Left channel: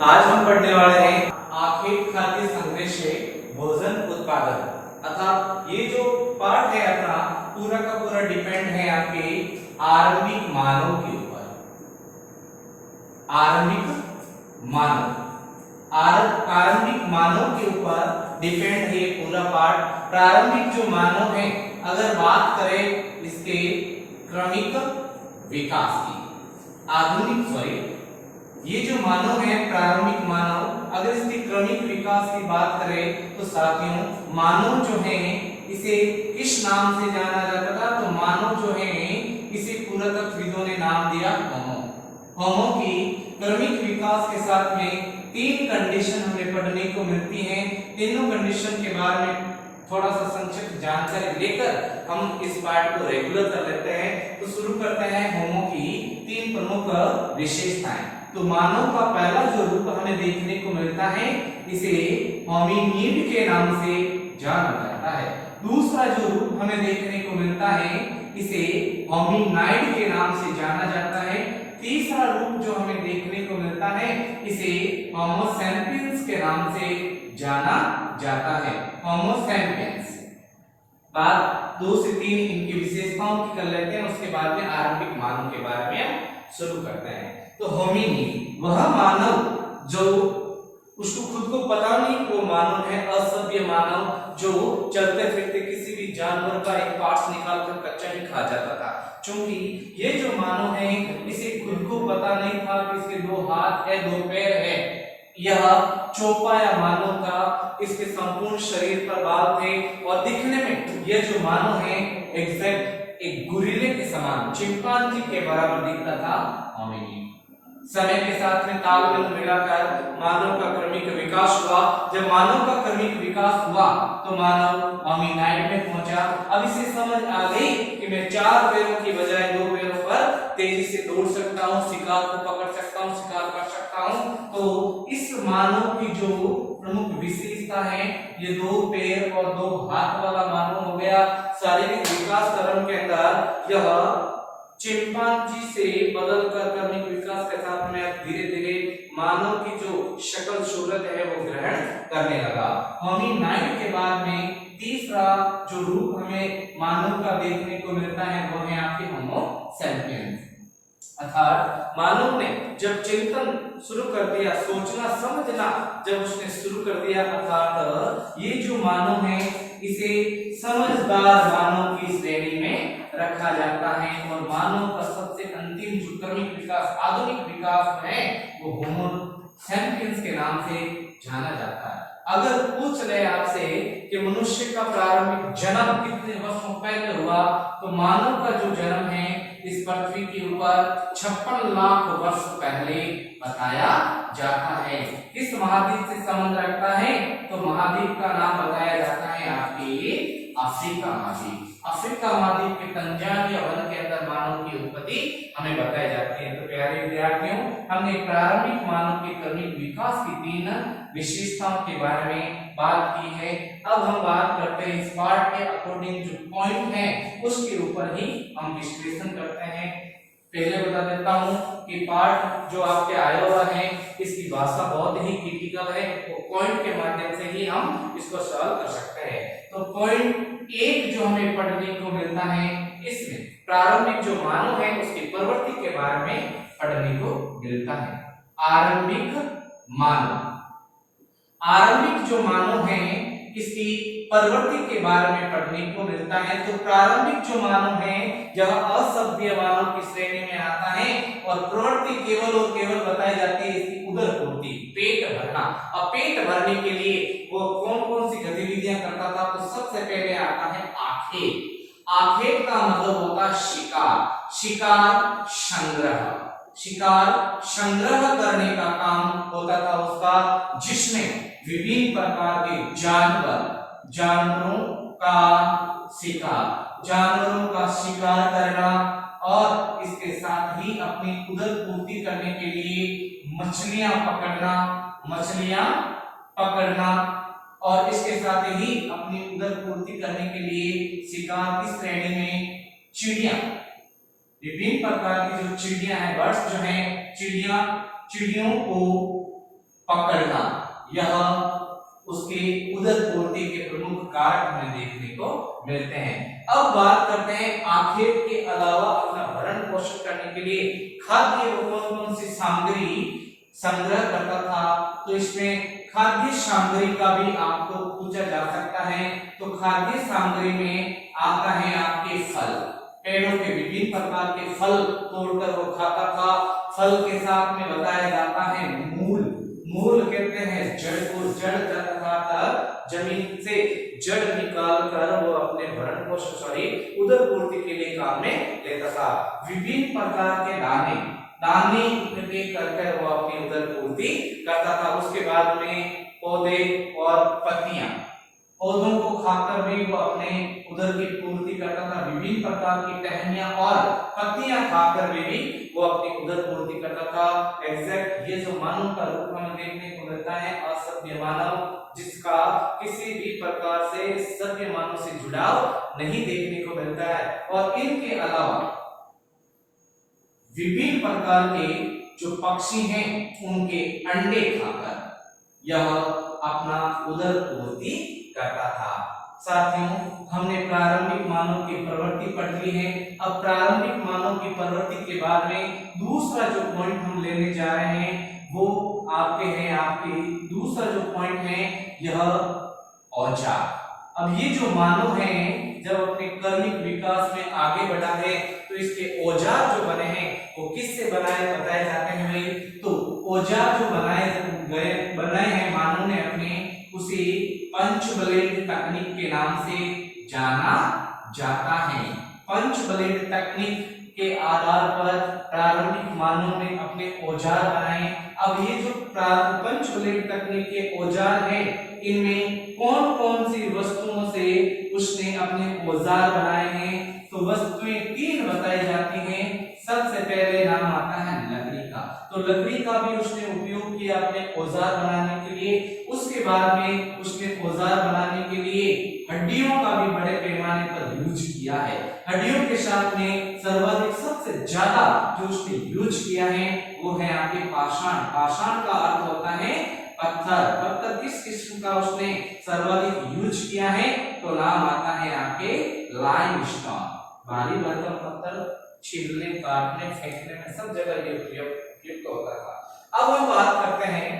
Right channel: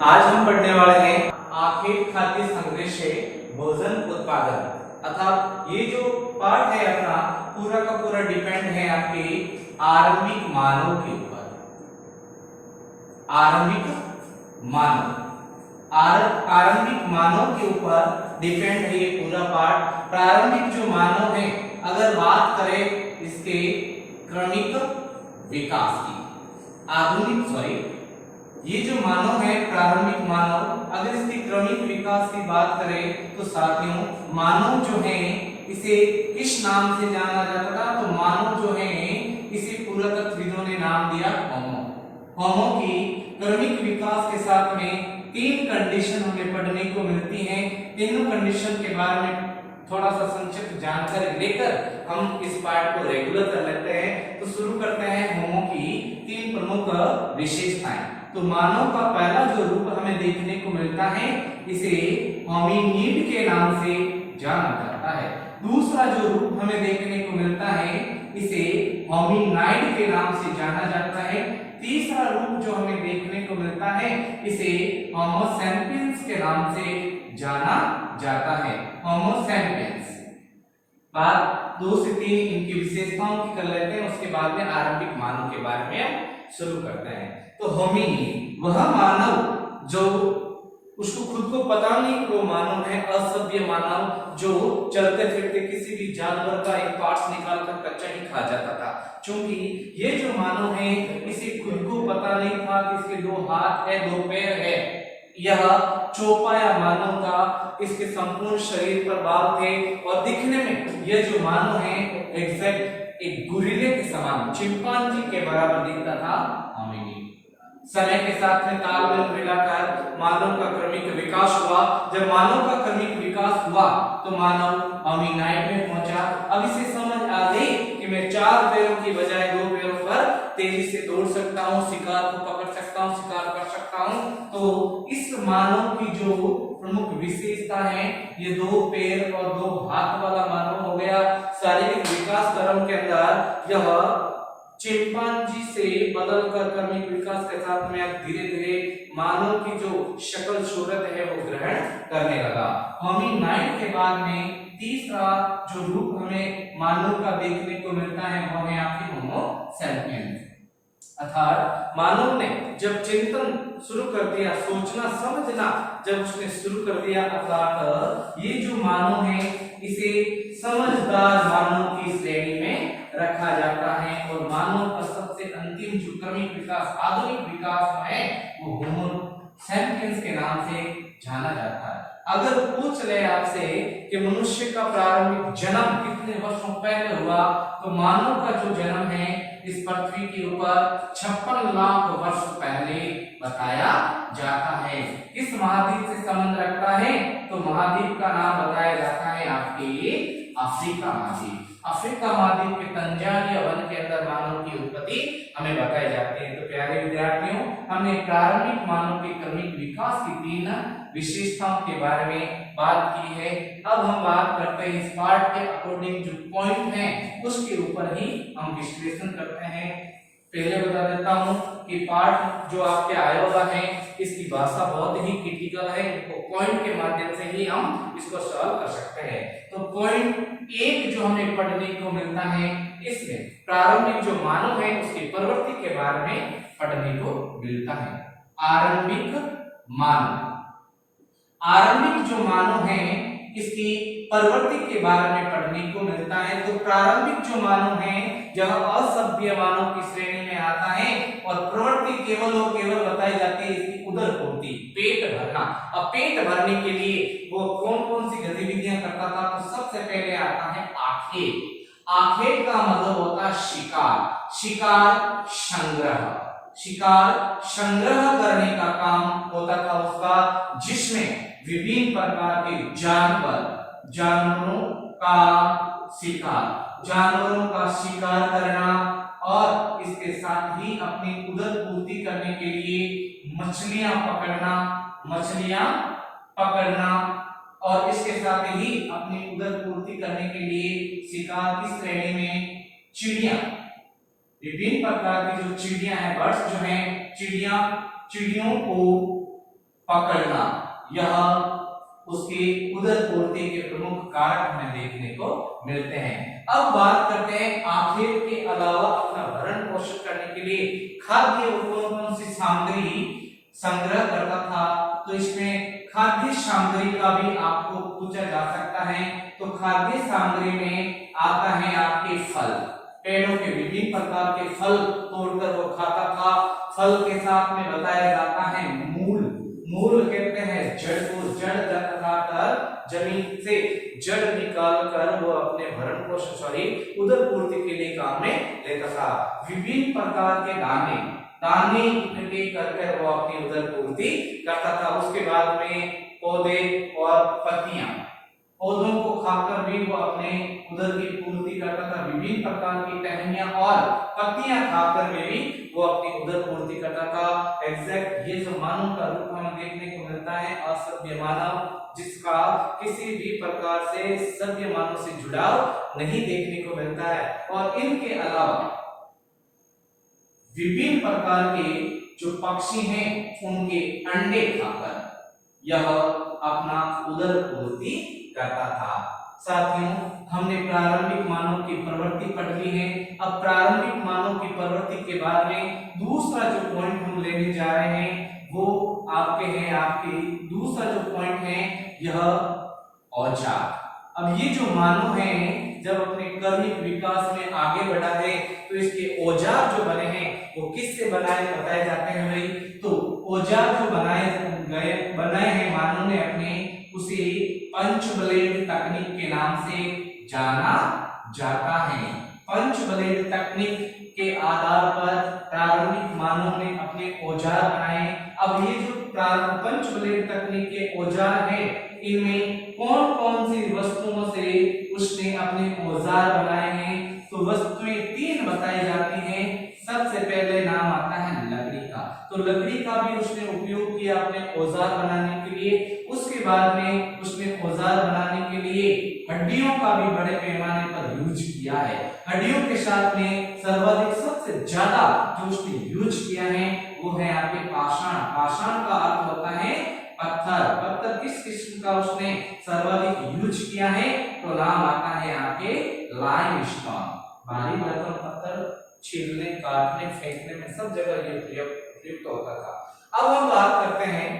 आज हम पढ़ने वाले हैं आखेट खाद्य संग्रह से भोजन उत्पादन अर्थात ये जो पार्ट है अपना पूरा का पूरा डिपेंड है आपके आरंभिक मानव के ऊपर। आरंभिक मानव के ऊपर डिपेंड है ये पूरा पार्ट। प्रारंभिक जो मानव है, अगर बात करें इसके क्रमिक विकास की, ये जो मानव है प्रारंभिक मानव, अगर इसकी क्रमिक विकास की बात करें तो साथियों मानव जो है इसे किस नाम से जाना जाता था? तो मानव जो है इसे पुरातत्वविदों ने नाम दिया होमो। होमो की क्रमिक विकास के साथ में 3 कंडीशन हमें पढ़ने को मिलती हैं। तीनों कंडीशन के बारे में थोड़ा सा संक्षिप्त जानकारी लेकर हम इस पार्ट को रेगुलर कर लेते हैं। तो शुरू करते हैं होमो की 3 प्रमुख विशेषताएं। तो मानव का पहला जो रूप हमें देखने को मिलता है इसे होमिनिड के नाम से जाना जाता है। दूसरा जो रूप हमें देखने को मिलता है इसे होमिनाइड के नाम से जाना जाता है। तीसरा रूप जो हमें देखने को मिलता है इसे होमो सैपियंस के नाम से जाना जाता है। Homo sapiens. बात 2 से 3 इनकी विशेषताओं की कर लेते हैं, उसके बाद में आरंभिक मानव के बारे में शुरू करते हैं। तो होमिनिड वह मानव जो उसको खुद को पता नहीं वो मानव है, असभ्य मानव जो चलते फिरते किसी भी जानवर का एक पार्ट्स निकाल कर कच्चा ही खा जाता था। क्योंकि ये जो मानव है इसे खुद को पता नहीं था कि इसके 2 हाथ है 2 पैर है। यह चौपाया मानव का इसके संपूर्ण शरीर पर बाल थे और दिखने में यह जो मानव है एग्जैक्ट एक गुरिल्ले के समान चिंपांजी के बराबर दिखता था होमिनिड। समय के साथ में तालमेल मिलाकर मानव का क्रमिक विकास हुआ। जब मानव का क्रमिक विकास हुआ तो मानव होमिनाइड में पहुंचा। अब इसे समझ आ गई कि मैं 4 पैरों की बजाय 2 पैरों पर तेजी से दौड़ सकता हूं, शिकार को पकड़ सकता हूं, शिकार कर सकता हूं। तो इस मानव की जो प्रमुख विशेषता है ये 2 पैर और 2 हाथ वाला मानव हो गया। शारीरिक विकास क्रम के अंदर यह चिंपांजी से बदलकर क्रमिक विकास के साथ में अब धीरे धीरे मानव की जो शक्ल सूरत है वो ग्रहण करने लगा। होमिनाइड के बाद में तीसरा जो रूप हमें मानव का देखने को मिलता है वो है आपके होमो सैपियंस। अर्थात मानव ने जब चिंतन शुरू कर दिया, सोचना समझना जब उसने शुरू कर दिया, अर्थात ये जो मानव है इसे समझदार मानव की श्रेणी में रखा जाता है। और मानव का सबसे अंतिम जो क्रमिक विकास आधुनिक विकास है वो होमो सैपियंस के नाम से जाना जाता है। अगर पूछ ले आपसे कि मनुष्य का प्रारंभिक जन्म कितने वर्षों पहले हुआ, तो मानव का जो जन्म है इस पृथ्वी के ऊपर 56 लाख वर्ष पहले बताया जाता है। किस महाद्वीप से संबंध रखता है? तो महाद्वीप का नाम बताया जाता है आपके अफ्रीका महाद्वीप। अफ्रीका महाद्वीप के तंजानिया वन के अंदर मानव की उत्पत्ति हमें बताई जाती है। तो प्यारे विद्यार्थियों, हमने प्रारंभिक मानव के क्रमिक विकास की 3 विशेषताओं के बारे में बात की है। अब हम बात करते हैं इस पार्ट के अकॉर्डिंग जो पॉइंट है उसके ऊपर ही हम विश्लेषण करते हैं। पहले बता देता हूं कि पार्ट जो आपके आया हुआ है इसकी भाषा बहुत ही क्रिटिकल है, तो पॉइंट के माध्यम से ही हम इसको सॉल्व कर सकते हैं। तो पॉइंट 1 जो हमें पढ़ने को मिलता है इसमें प्रारंभिक जो मानव है उसकी प्रवृत्ति के बारे में पढ़ने को मिलता है। आरंभिक जो मानव है इसकी प्रवृत्ति के बारे में पढ़ने को मिलता है। तो प्रारंभिक जो मानव है यह असभ्य मानव की श्रेणी में आता है और प्रवृत्ति केवल और केवल बताई जाती है इसकी उदर पूर्ति, पेट भरना। अब पेट भरने के लिए वो कौन कौन सी गतिविधियां करता था? तो सबसे पहले आता है आखेट। आखेट का मतलब होता है शिकार संग्रह करने का काम होता था उसका, जिसमें विभिन्न प्रकार के जानवरों का शिकार करना और इसके साथ ही अपनी उदर पूर्ति करने के लिए मछलियां पकड़ना और इसके साथ ही अपनी उदर पूर्ति करने के लिए शिकार की श्रेणी में चिड़िया, विभिन्न प्रकार की जो चिड़िया हैं, बर्ड्स जो हैं, चिड़ियों को पकड़ना, यह उसके उदर पूर्ति के प्रमुख कारक हमें देखने को मिलते हैं। अब बात करते हैं आखेट के अलावा अपना भरण पोषण करने के लिए खाद्य और कौन सी सामग्री संग्रह करता था। तो इसमें खाद्य सामग्री का भी आपको पूछा जा सकता है। तो खाद्य सामग्री में आता है आपके फल, पेड़ों के विभिन्न प्रकार के फल तोड़कर वो खाता था। फल के साथ में बताया जाता है मूल, मूल कहते हैं जड़ को, जड़ लगाकर जमीन से जड़ निकाल कर वो अपने भरण पोषण उदर पूर्ति के लिए काम में लेता था। विभिन्न प्रकार के दाने, दाने इकट्ठे करके वो अपनी उदर पूर्ति करता था। उसके बाद में पौधे और पत्तियां, पौधों को खाकर भी वो अपने उदर की पूर्ति करता था। विभिन्न प्रकार की टहनियां और पत्तियां खाकर भी वो अपनी उदर पूर्ति करता था। एग्जैक्ट ये जो मानव का रूप हमें देखने को मिलता है असभ्य मानव, जिसका किसी भी प्रकार से सभ्य मानव से जुड़ाव नहीं देखने को मिलता है। और इनके अलावा विभिन्न प्रकार के जो पक्षी हैं उनके अंडे खाकर यह अपना उदर पूर्ति करता था। साथियों, हमने प्रारंभिक मानव की प्रवृत्ति पढ़ ली है। अब प्रारंभिक मानव की प्रवृत्ति के बाद में दूसरा जो पॉइंट हम लेने जा रहे हैं वो आपके दूसरा जो पॉइंट है यह औजार। अब ये जो मानव है जब अपने कर्मिक विकास में आगे बढ़ा है तो इसके औजार जो बने हैं वो किससे बताए जाते हैं भाई। तो औजार जो बनाए हैं मानव ने अपने, उसे पंचब्लेड तकनीक के नाम से जाना जाता है। पंचब्लेड तकनीक के आधार पर प्रारंभिक मानव ने अपने औजार बनाए। अब ये जो पंचब्लेड तकनीक के औजार हैं इनमें कौन कौन सी वस्तुओं से उसने अपने औजार बनाए हैं। तो वस्तुएं तीन बताई जाती हैं। सबसे पहले नाम आता है लकड़ी का, तो लकड़ी का भी उसने उपयोग किया अपने औजार बनाने के लिए। उसके बाद में उसने औजार बनाने के लिए हड्डियों का भी बड़े पैमाने पर यूज किया है। हड्डियों के साथ में सर्वाधिक सबसे ज्यादा जो उसने यूज किया है वो है आपके पाषाण। पाषाण का अर्थ होता है पत्थर। पत्थर किस किस्म का उसने सर्वाधिक यूज किया है तो नाम आता है आपके लाइमस्टोन। भारी भरकम पत्थर छीलने, काटने, फेंकने में सब जगह ये प्रयुक्त होता था। अब हम बात करते हैं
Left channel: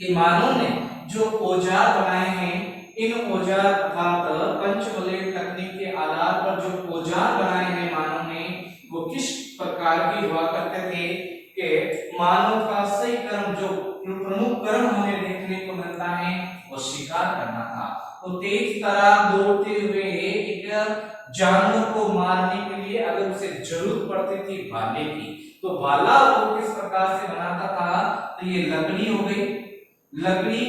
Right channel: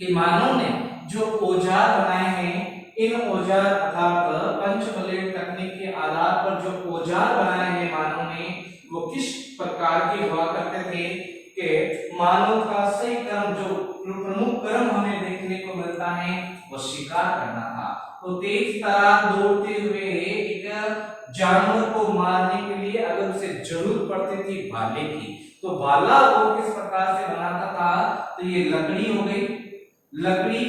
कि मानव ने जो औजार बनाए हैं, इन औजार अर्थात पंचब्लेड तकनीक के आधार पर जो औजार बनाए हैं मानव ने वो किस प्रकार के हुआ करते थे कि मानव का सही कर्म, जो प्रमुख कर्म हमें देखने को मिलता है वो शिकार करना था। तो तेज तरार दौड़ते हुए एक जानवर को मारने के लिए अगर उसे जरूरत पड़ती थी भाले की, तो भाला वो किस प्रकार से बनाता था। तो ये लकड़ी हो गई, लकड़ी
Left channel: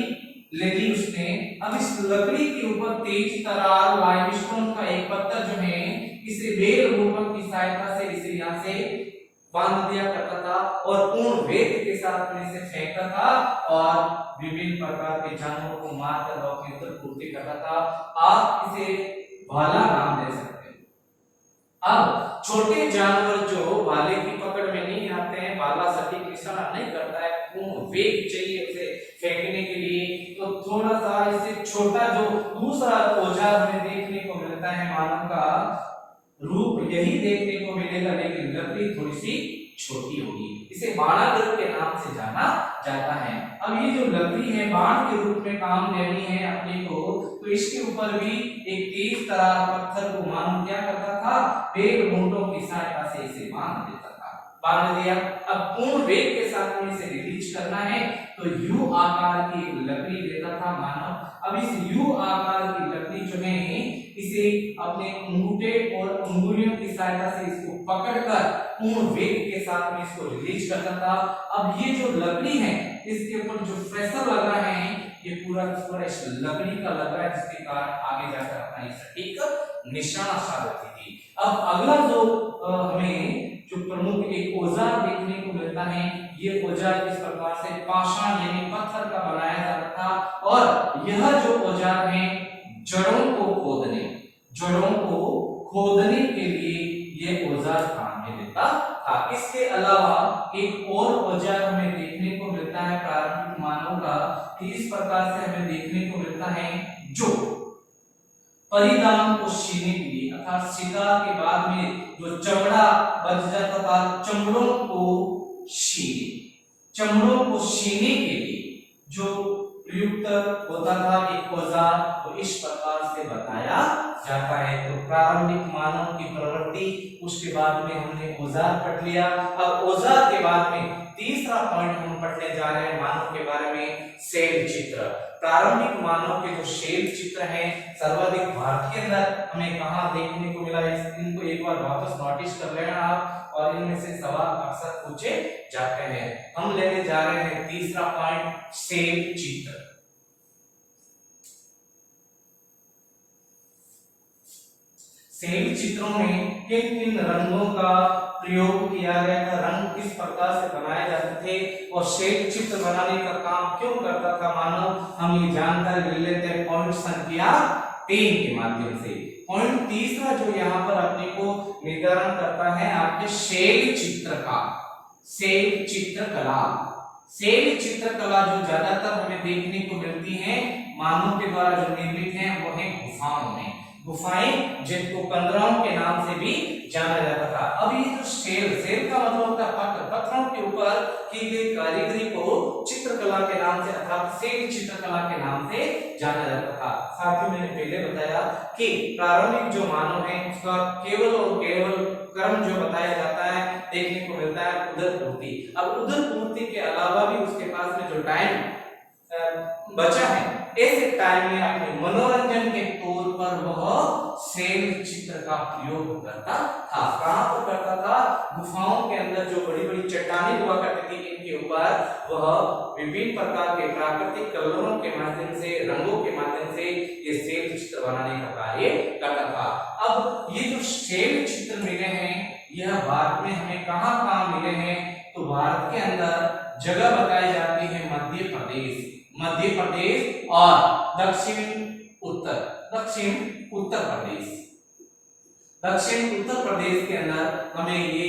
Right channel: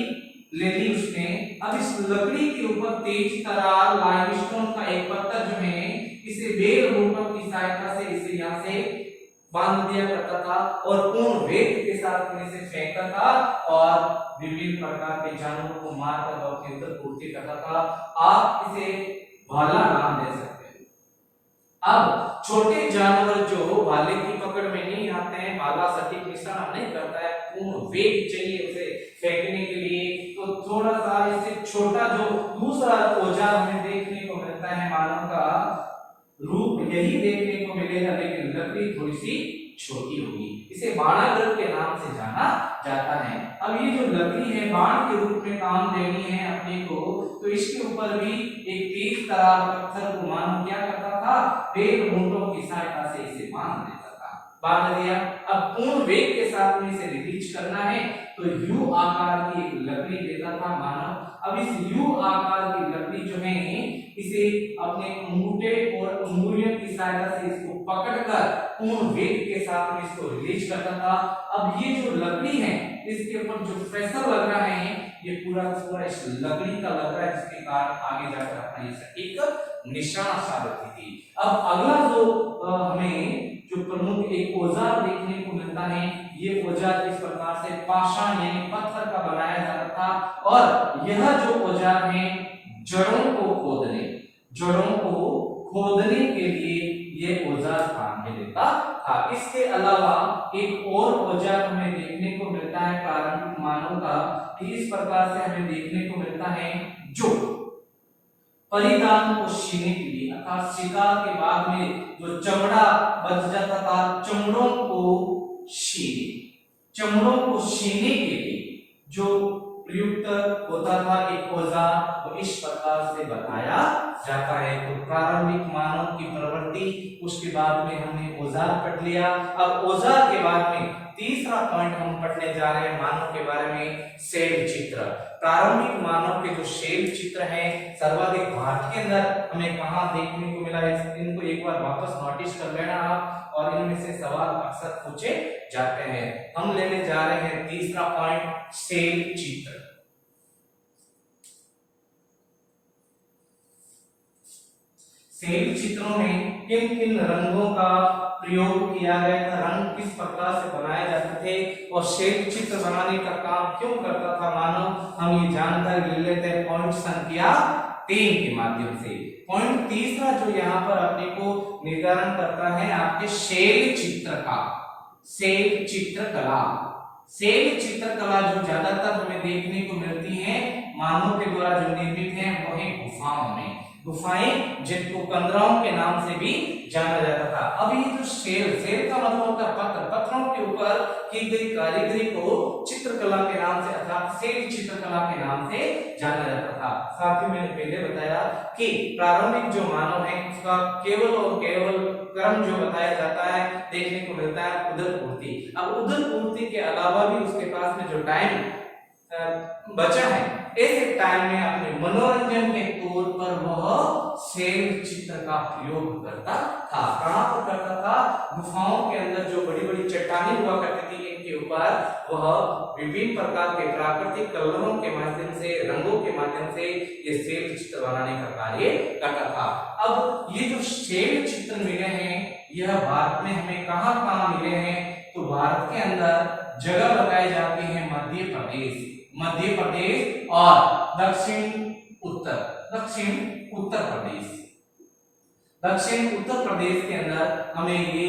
ले ली उसने। अब इस लकड़ी के ऊपर तेज तरार लाइमस्टोन का एक पत्थर जो है इसे बेल रोपक की सहायता से इसे यहाँ से बांध दिया करता था और पूर्ण वेग के साथ में इसे फेंकता था और विभिन्न प्रकार के जानवरों को मारकर वो अपनी उदर पूर्ति करता था। आप इसे भाला नाम दे सकते हैं। अब छोटे जानवर जो भाले की पकड़ में नहीं आते हैं, भाला सटीक निशाना नहीं करता है, पूर्ण वेग चाहिए उसे फेंकने के लिए, तो थोड़ा सा इससे छोटा जो दूसरा औजार हमें देखने को मिलता है मानव का रूप यही देखने को मिलेगा, लेकिन लकड़ी थोड़ी सी छोटी होगी। इसे बाणाग्र के नाम से जाना जाता है। अब ये जो लकड़ी है बाण के रूप में काम देनी है अपने को, तो इसके ऊपर भी एक तेज तरार पत्थर को मानव क्या करता था, बेल मूंटों की सहायता से इसे बांध देता था। बांध दिया। अब पूर्ण वेग के साथ में इसे रिलीज करना है तो यू आकार की एक लकड़ी देता था मानव। अब इस यू आकार की लकड़ी जो है इसे अपने अंगूठे और अंगुलियों की सहायता से इसको पकड़कर पूर्ण वेग के साथ में इसको रिलीज करता था। अब ये जो लकड़ी है इसके ऊपर जो प्रेशर लग रहा है ये पूरा पूरा इस लकड़ी का लग रहा है, जिसके कारण आगे जाकर अपना ये सटीक निशाना साबित होती थी। अब अगला जो हमें जो प्रमुख एक औजार देखने को मिलता है, ये औजार किस प्रकार से पाषाण यानी पत्थर का बनाया जाता था। और यह जो औजार है जड़ों को खोदने के लिए ये औजार काम में लेता था। इसके अलावा एक और औजार हमें देखने को मिलता है प्रारंभिक मानव का, इस प्रकार से हमें देखने को मिलता है जो परिधान को सीने के लिए अर्थात शिकार के बाद में जो चमड़ा बच जाता था, चमड़ों को सीने के लिए जो प्रयुक्त होता था एक औजार, तो इस प्रकार से बताया जाता है। तो प्रारंभिक मानव की प्रवृत्ति, उसके बाद में हमने औजार पढ़ लिया। अब औजार के बाद में तीसरा पॉइंट हम पढ़ने जा रहे हैं मानव के बारे में, शैल चित्र। प्रारंभिक मानव के जो शैल चित्र हैं सर्वाधिक भारत के अंदर हमें कहां देखने को मिला है, इनको एक बार वापस नोटिस कर लेना आप, और इनमें से सवाल अक्सर पूछे जाते हैं। हम लेने जा रहे हैं तीसरा पॉइंट, शैल चित्र। शैल चित्रों में किन किन रंगों का प्रयोग किया गया था, रंग किस प्रकार से बनाए जाते थे, और शैल चित्र बनाने का काम क्यों करता था मानव, हम ये जानकारी ले लेते हैं पॉइंट संख्या 3 के माध्यम से। पॉइंट तीसरा जो यहाँ पर अपने को निर्धारण करता है आपके शैल चित्र का, शैल चित्रकला। शैल चित्रकला जो ज्यादातर हमें देखने को मिलती है मानव के द्वारा जो निर्मित है वो है गुफाओं में, गुफाएं जिनको कंदराओं के नाम से भी जाना जाता था। अब ये जो शैल का मतलब होता है पत्थर, पत्थरों के ऊपर की गई कारीगरी को चित्रकला के नाम से अर्थात शैल चित्रकला के नाम से जाना जाता था। साथ ही मैंने पहले बताया कि प्रारंभिक जो मानव है उसका केवल और केवल क्रम जो बताया जाता है देखने को मिलता है उदर पूर्ति। अब उदर पूर्ति के अलावा भी उसके पास में जो टाइम बचा है, ऐसे टाइम में अपने मनोरंजन के तौर पर वह शैल चित्र का प्रयोग करता था। कहां पर करता था, गुफाओं के अंदर जो बड़ी बड़ी चट्टानें हुआ करती थी इनके ऊपर वह विभिन्न प्रकार के प्राकृतिक कलरों के माध्यम से, रंगों के माध्यम से ये शैल चित्र बनाने का कार्य करता था। अब ये जो शैल चित्र मिले हैं यह भारत में हमें कहां कहां मिले हैं, तो भारत के अंदर जगह बताई जाती है मध्य प्रदेश और दक्षिण उत्तर प्रदेश के अंदर हमें ये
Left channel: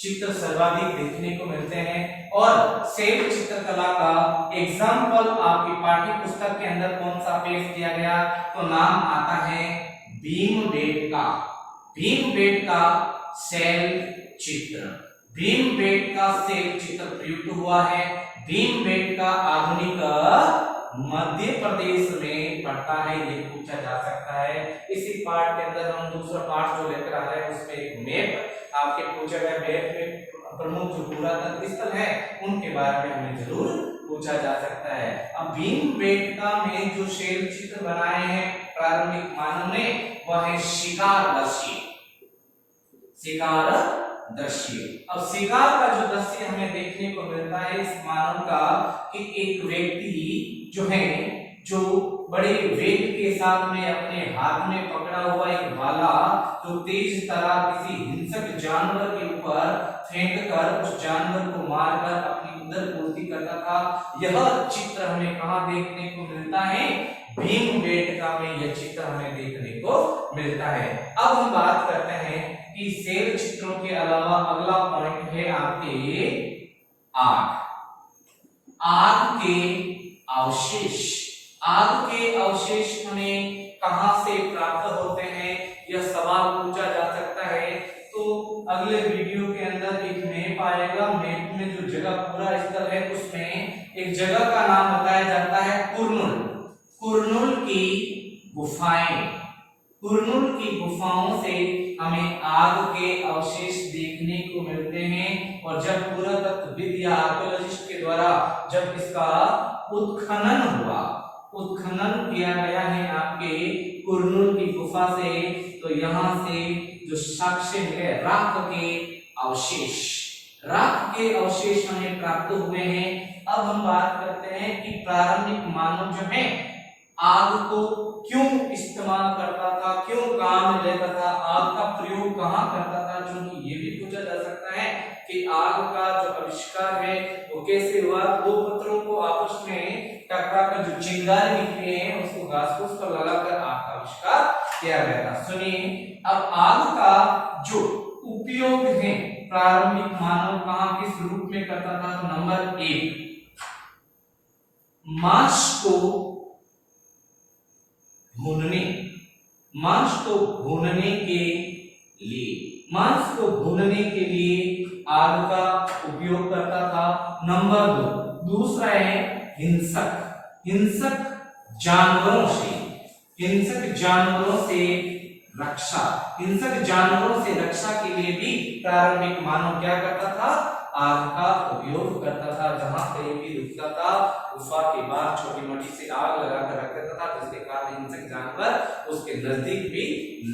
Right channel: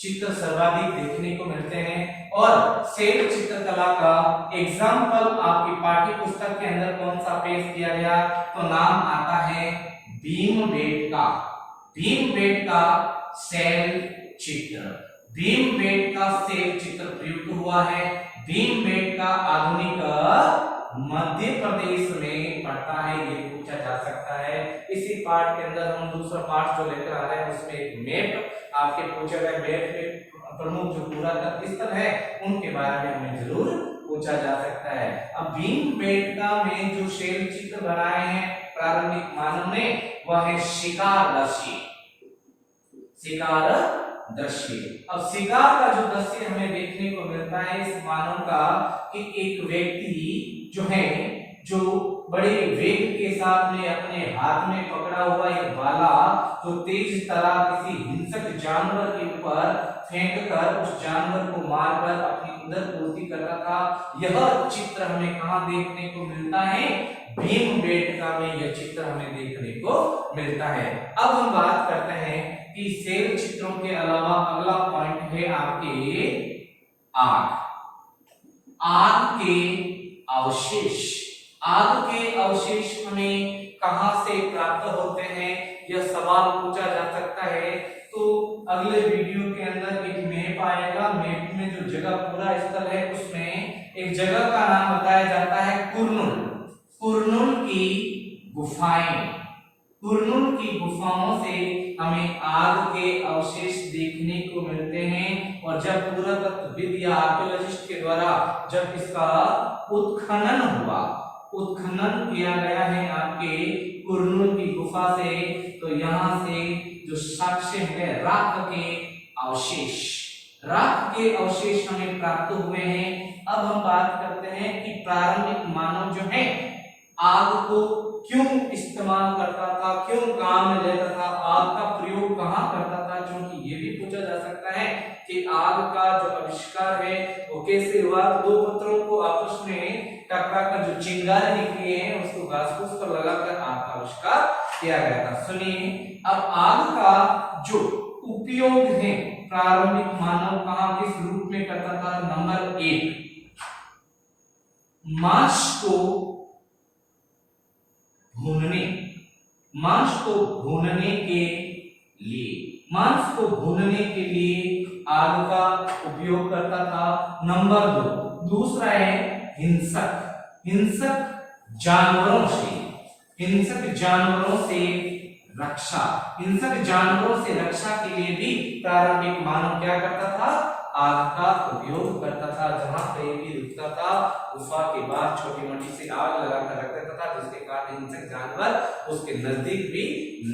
चित्र सर्वाधिक देखने को मिलते हैं। और शैल चित्रकला का एग्जाम्पल आपकी पाठ्य पुस्तक के अंदर कौन सा पेश किया गया, तो नाम आता है भीमबेटका शैल चित्र। भीमबेटका शैल चित्र प्रयुक्त हुआ है। भीमबेटका आधुनिक मध्य प्रदेश में पड़ता है, ये पूछा जा सकता है। इसी पाठ के अंदर हम दूसरा पाठ जो लेकर आ रहे हैं उसमें एक मैप आपके पूछा गया, मैप में प्रमुख जो पुरातत्व स्थल है उनके बारे में हमें जरूर पूछा जा सकता है। अब भीमबेटका में जो शैल चित्र बनाए हैं प्रारंभिक मानव ने वह है शिकार दृश्य। अब शिकार का जो दृश्य हमें देखने को मिलता है इस मानव का कि एक व्यक्ति जो है जो बड़े वेग के साथ में अपने हाथ में पकड़ा हुआ एक भाला जो तेज तरह किसी हिंसक जानवर के ऊपर फेंककर उस जानवर को मारकर अपनी उदर पूर्ति करता था। यह चित्र हमें कहां देखने को मिलता है, भीमबेटका में यह चित्र हमें देखने को मिलता है। अब हम बात करते हैं कि शैल चित्रों के अलावा अगला पॉइंट है आपके आग के अवशेष हमें कहां से प्राप्त होते हैं, यह सवाल पूछा जा सकता है। तो अगले वीडियो के अंदर एक मैप आएगा, मैप में जो जगह पूरा स्थल है उसमें एक जगह का नाम बताया जाता है कुरनूल की गुफाओं से हमें आग के अवशेष देखने को मिलते हैं। और जब पुरातत्वविद या आर्कियोलॉजिस्ट के द्वारा जब इसका उत्खनन किया गया है आपके कुरनूल की गुफा से, तो यहाँ से जो साक्ष्य है राख के अवशेष हमें प्राप्त हुए हैं। अब हम बात करते हैं कि प्रारंभिक मानव जो है आग को क्यों इस्तेमाल करता था, क्यों काम में लेता था, आग का प्रयोग कहां करता था, क्योंकि ये भी पूछा जा सकता है कि आग का जो आविष्कार है वो कैसे हुआ। दो पत्थरों को आपस में टकरा कर जो चिंगारी निकली है उसको घास-फूस पर लगाकर आग का आविष्कार किया गया था। सुनिए, अब आग का जो उपयोग है प्रारंभिक मानव कहाँ किस रूप में करता था? नंबर 1, मांस को भूनने, मांस को भूनने के लिए, मांस को भूनने के लिए आग का उपयोग करता था। नंबर 2, दूसरा है हिंसक, हिंसक जानवरों से, हिंसक जानवरों से रक्षा, हिंसक जानवरों से रक्षा के लिए भी प्रारंभिक मानव क्या करता था? आग का उपयोग करता था। जहां कहीं भी रुकता था गुफा के बाहर छोटी मोटी सी आग लगाकर रख देता था, जिसके कारण हिंसक जानवर उसके नजदीक भी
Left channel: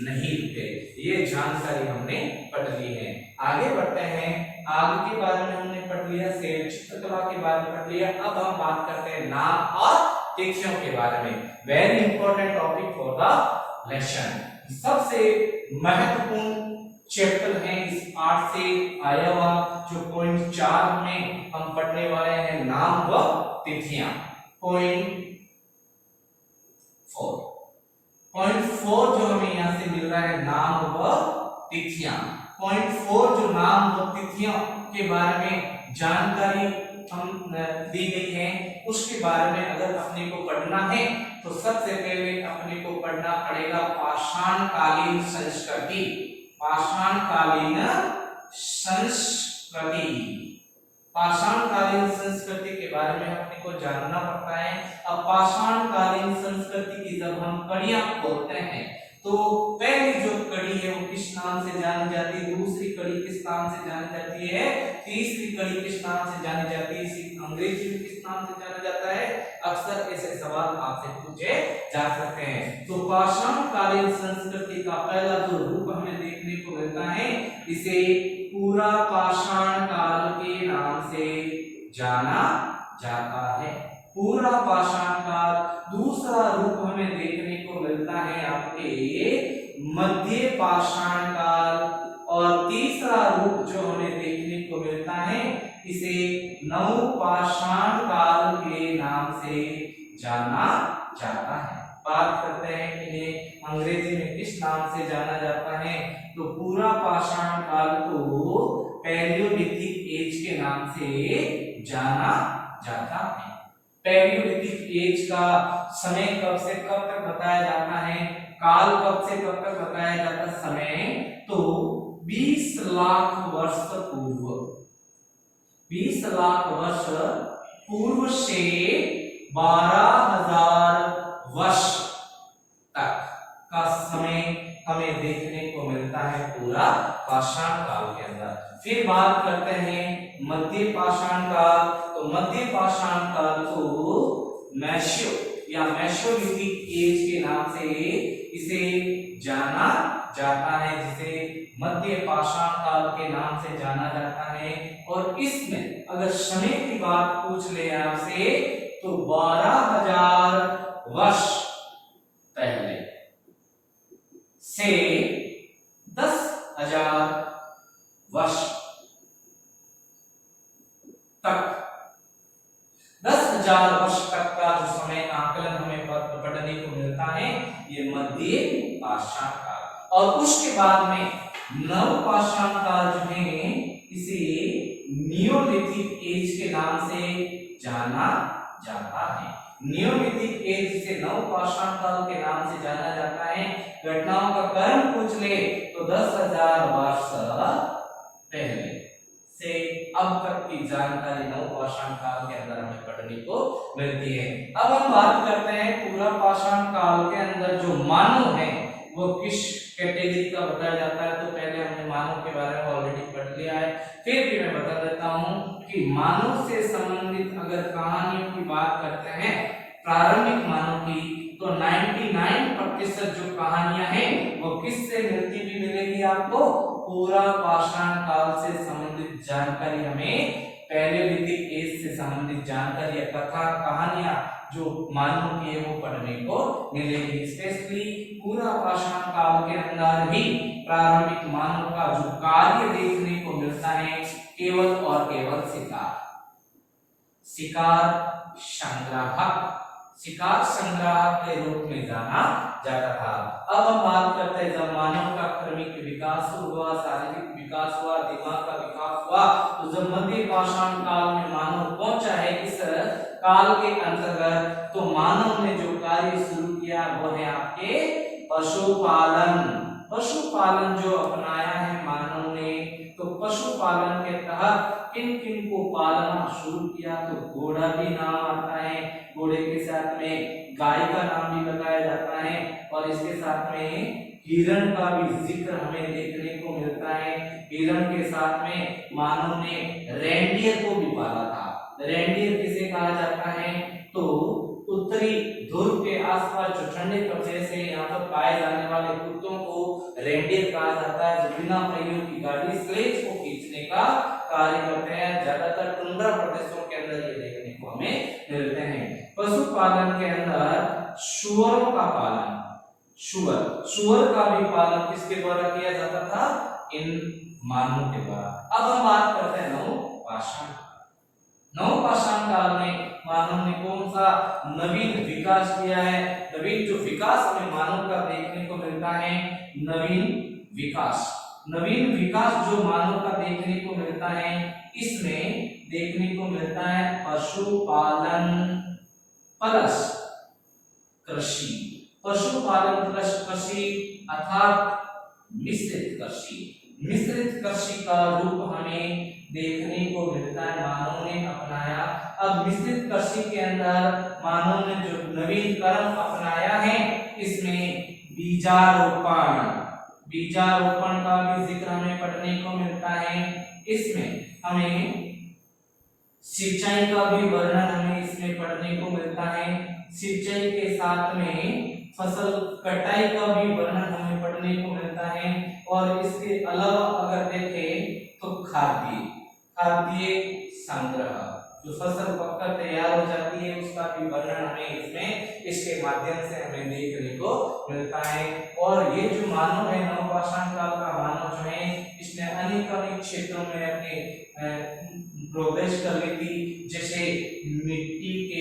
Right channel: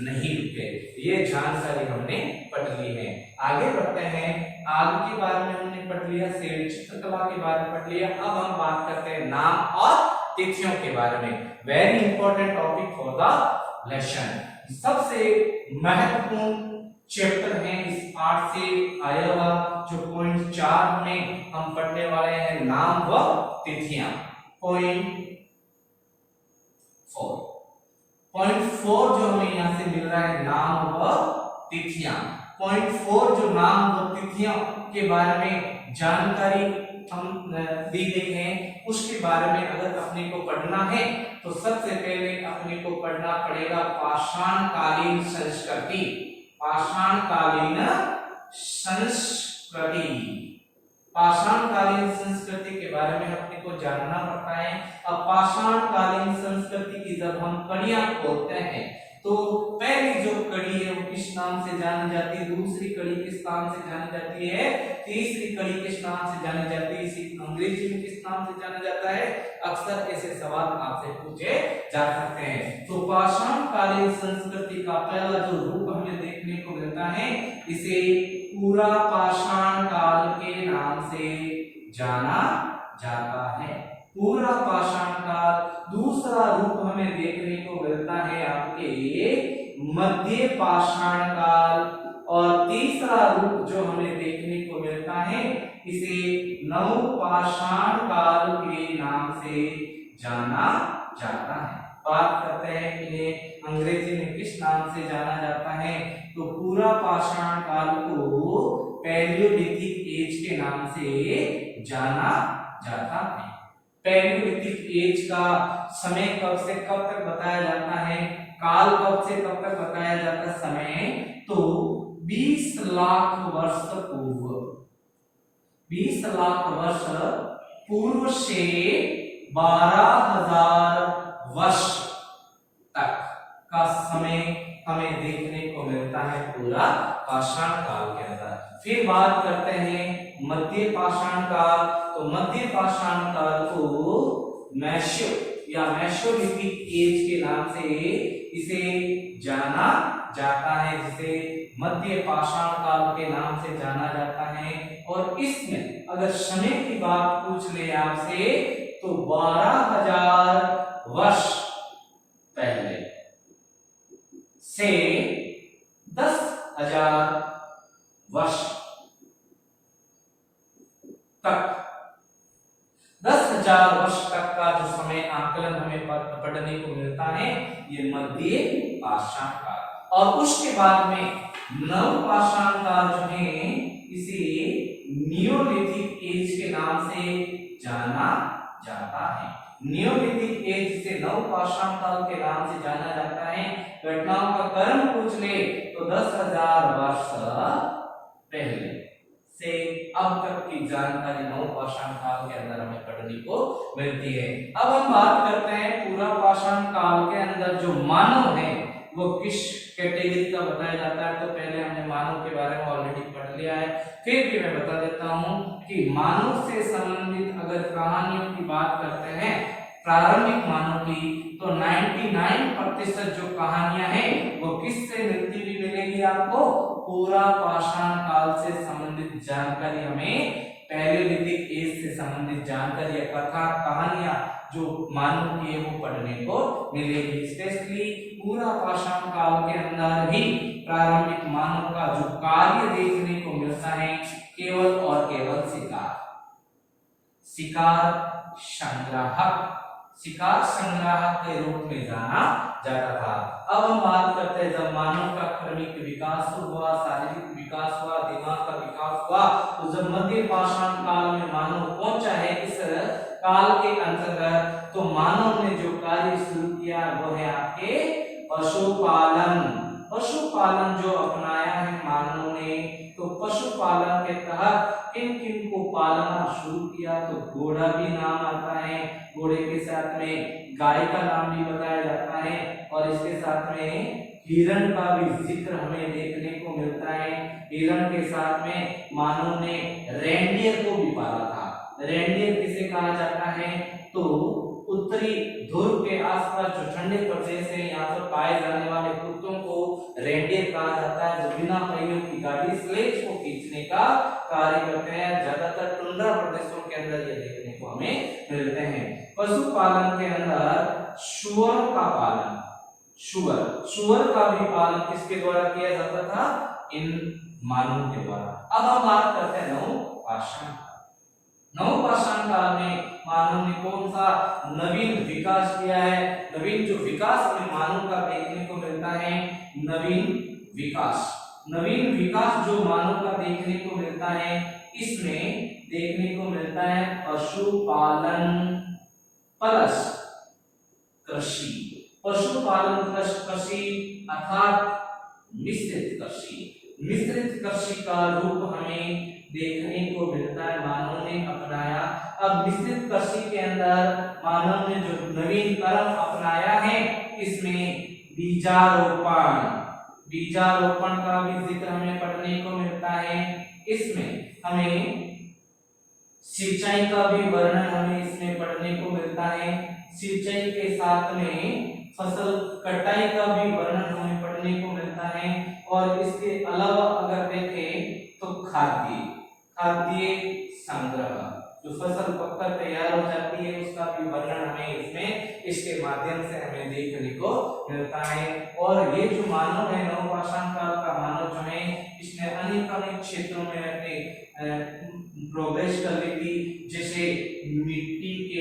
नहीं रुके। ये जानकारी हमने पढ़ ली है। आगे बढ़ते हैं, आग के बारे में हमने पढ़ लिया, शेर चित्रकला के बारे में पढ़ लिया। अब हम बात करते हैं नाम और तिथियों के बारे में। Very important topic for the lesson, सबसे महत्वपूर्ण चैप्टर है इस पाठ से आया हुआ, जो पॉइंट 4 में हम पढ़ने वाले हैं, नाम व तिथियां। पॉइंट 4 जो हमें यहाँ से मिल रहा है, नाम व तिथियां। पॉइंट 4 जो नाम व तिथियों के बारे में जानकारी हम दी गई है, उसके बारे में अगर अपने को पढ़ना है तो सबसे पहले अपने को पढ़ना पड़ेगा पाषाणकालीन संस्कृति, पाषाणकालीन संस्कृति, पाषाणकालीन संस्कृति के बारे में अपने को जानना पड़ता है। अब पाषाणकालीन संस्कृति की जब हम कड़ियां खोलते हैं तो पहली जो कड़ी है वो किस नाम से जानी जाती है, दूसरी कड़ी किस नाम से जानी जाती है, तीसरी कड़ी किस नाम से जानी जाती है, इसी अंग्रेजी में किस नाम से जाना जाता है। अक्सर ऐसे सवाल आपसे पूछे जा सकते हैं। तो पाषाणकालीन संस्कृति का पहला जो रूप हमें देखने को मिलता है, इसे पूरा पाषाण काल के नाम से जाना जाता है, पूरा पाषाण काल। दूसरा रूप हमें देखने को मिलता है आपके मध्य पाषाण काल, और तीसरा रूप जो हमें देखने को मिलता है, इसे नवपाषाण काल के नाम से जाना जाता है। बात करते हैं इन्हें अंग्रेजी में किस नाम से जाना जाता है, तो पूरा पाषाण काल को पैलियोलिथिक एज के नाम से जाना जाता है। पैलियोलिथिक एज का समय कब से कब तक बताया जाता है, काल कब से कब तक बताया जाता है समय, तो 20 लाख वर्ष पूर्व, 20 लाख वर्ष पूर्व से 12,000 वर्ष तक का समय हमें देखने को मिलता है पूरा पाषाण काल के अंदर। फिर बात करते हैं मध्य पाषाण काल, तो मध्य पाषाण काल को मैशो या मेसोलिथिक एज के नाम से इसे जाना जाता है, जिसे मध्य पाषाण काल के नाम से जाना जाता है। और इसमें अगर समय की बात पूछ ले आपसे तो 12,000 वर्ष पहले से 10,000 वर्ष तक, 10,000 वर्ष तक का जो समय आकलन हमें पढ़ने को मिलता है, ये मध्य पाषाण काल। और उसके बाद में नवपाषाण काल जो है, इसे नियोलिथिक एज के नाम से जाना जाता है। नियोलिथिक एज जिसे नवपाषाण काल के नाम से जाना जाता है। घटनाओं का क्रम पूछ ले तो 10,000 वर्ष पहले से अब तक की जानकारी नवपाषाण काल के अंदर हमें पढ़ने को मिलती है। अब हम बात करते हैं पूरा पाषाण काल के अंदर जो मानव है वो किस कैटेगरी का बताया जाता है। तो पहले हमने मानव के बारे में ऑलरेडी पढ़ लिया है, फिर भी मैं बता देता हूं कि मानव से संबंधित अगर कहानियों की बात करते हैं प्रारंभिक मानव की, तो 99% जो कहानियां हैं वो किससे मिलती हुई मिलेगी आपको, पूरा पाषाण काल से संबंधित जानकारी हमें पैलियोलिथिक एज से संबंधित जानकारी या कथा कहानियां जो मानव की है वो पढ़ने को मिलेगी। स्पेशली पूरा पाषाण काल के अंदर ही प्रारंभिक मानव का जो कार्य देखने को मिलता है केवल और केवल शिकार, शिकार संग्राहक, शिकार संग्राहक के रूप में जाना जाता था। अब हम बात करते हैं जब मानव का क्रमिक विकास हुआ, शारीरिक विकास हुआ, दिमाग का विकास हुआ, तो जब मध्य पाषाण काल में मानव पहुंचा है इस काल के अंतर्गत, तो मानव ने जो कार्य शुरू किया वो है आपके पशुपालन। पशुपालन जो अपनाया है मानव ने, तो पशुपालन के तहत किन किन को पालना शुरू किया, तो घोड़ा भी नाम आता है, घोड़े के साथ में गाय का नाम भी बताया जाता है, और इसके साथ में हिरण का भी जिक्र हमें देखने को मिलता है। हिरण के साथ में मानव ने रेंडियर को भी पाला था। रेंडियर किसे कहा जाता है, तो उत्तरी ध्रुव के आसपास जो ठंडे प्रदेश है यहाँ पर पाए जाने वाले कुत्तों को रेंडियर कहा जाता है, जो बिना पहियों की गाड़ी स्लेज को खींचने का कार्य करते हैं। ज्यादातर टुंड्रा प्रदेशों के अंदर ये देखने को हमें मिलते हैं। पशुपालन के अंदर सुअरों का पालन, सुअर का भी पालन किसके द्वारा किया जाता था, इन मानवों के द्वारा। अब हम बात करते हैं नवपाषाण। नवपाषाण काल में मानव ने कौन सा नवीन विकास किया है। नवीन जो विकास हमें मानव का देखने को मिलता है, नवीन विकास जो मानव का देखने को मिलता है, इसमें देखने को मिलता है पशुपालन प्लस कृषि। पशुपालन प्लस कृषि अर्थात मिश्रित कृषि का रूप हमें देखने को मिलता है, मानव ने अपनाया। अब मिश्रित कृषि के अंदर मानव ने जो नवीन कर्म अपनाया है, इसमें बीजारोपण का भी जिक्र हमें पढ़ने को मिलता है। इसमें हमें सिंचाई का भी वर्णन हमें इसमें पढ़ने को मिलता है। सिंचाई के साथ में फसल कटाई का भी वर्णन हमें पढ़ने को मिलता है। और इसके अलावा अगर देखें तो खाद्य संग्रह, जो फसल पककर तैयार हो जाती है उसका भी वर्णन हमें इसके माध्यम से हमें देखने को मिलता है। और ये जो मानव है, नवपाषाण काल का मानव जो है, इसने अनेक क्षेत्रों में अपने प्रोग्रेस कर ली थी। जैसे मिट्टी के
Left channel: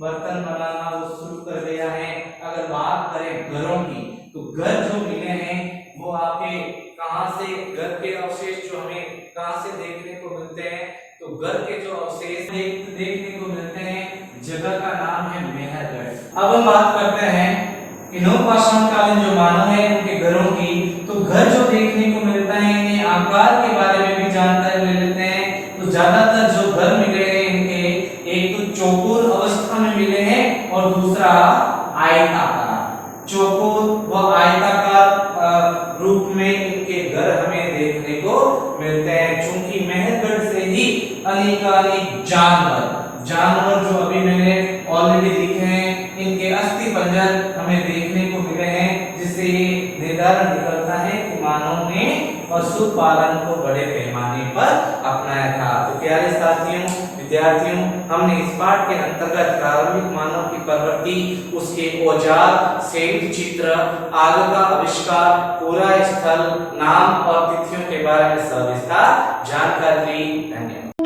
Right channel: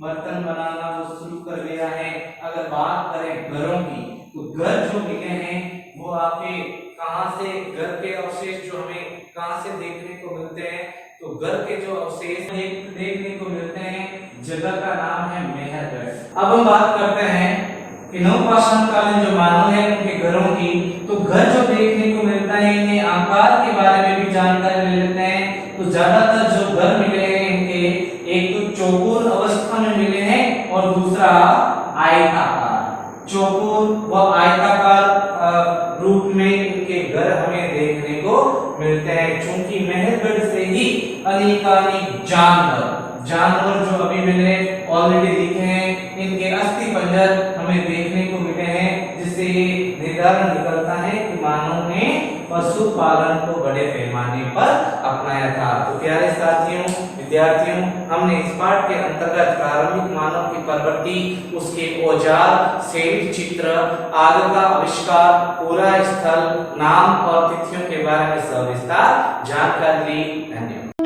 बर्तन बनाना वो शुरू कर गया है। अगर बात करें घरों की, तो घर जो मिले हैं वो आपके कहां से, घर के अवशेष जो हमें कहां से देखने को मिलते हैं, तो घर के जो अवशेष देखने को मिलते हैं, जगह का नाम है मेहरगढ़। अब हम बात करते हैं कि नवपाषाण कालीन जो मानव है उनके घरों की, तो घर जो देखने को मिलता है, इनके आकार के बारे में भी जानकारी ले लेते हैं। तो ज्यादातर जो घर मिले हैं इनके, एक तो चौकोर अवस्था में मिले हैं और दूसरा आयताकार। चौकोर व आयताकार रूप में इनके घर हमें देखने को मिलते हैं। चूंकि मेहरगढ़ से ही अनेकानेक जानवर जो अभी मैंने ऑलरेडी दिखे हैं, इनके अस्थि पंजर हमें देखने को मिले हैं, जिससे ये निर्धारण निकलता है कि मानव ने पशुपालन को बड़े पैमाने पर अपनाया था। तो प्यारे साथियों, विद्यार्थियों, हमने इस पाठ के अंतर्गत प्रारंभिक मानव की प्रवृत्ति, उसके औजार, शैल चित्र, आग का आविष्कार, पूरा स्थल, नाम और तिथियों के बारे में सविस्तार जानकारी ली। धन्यवाद।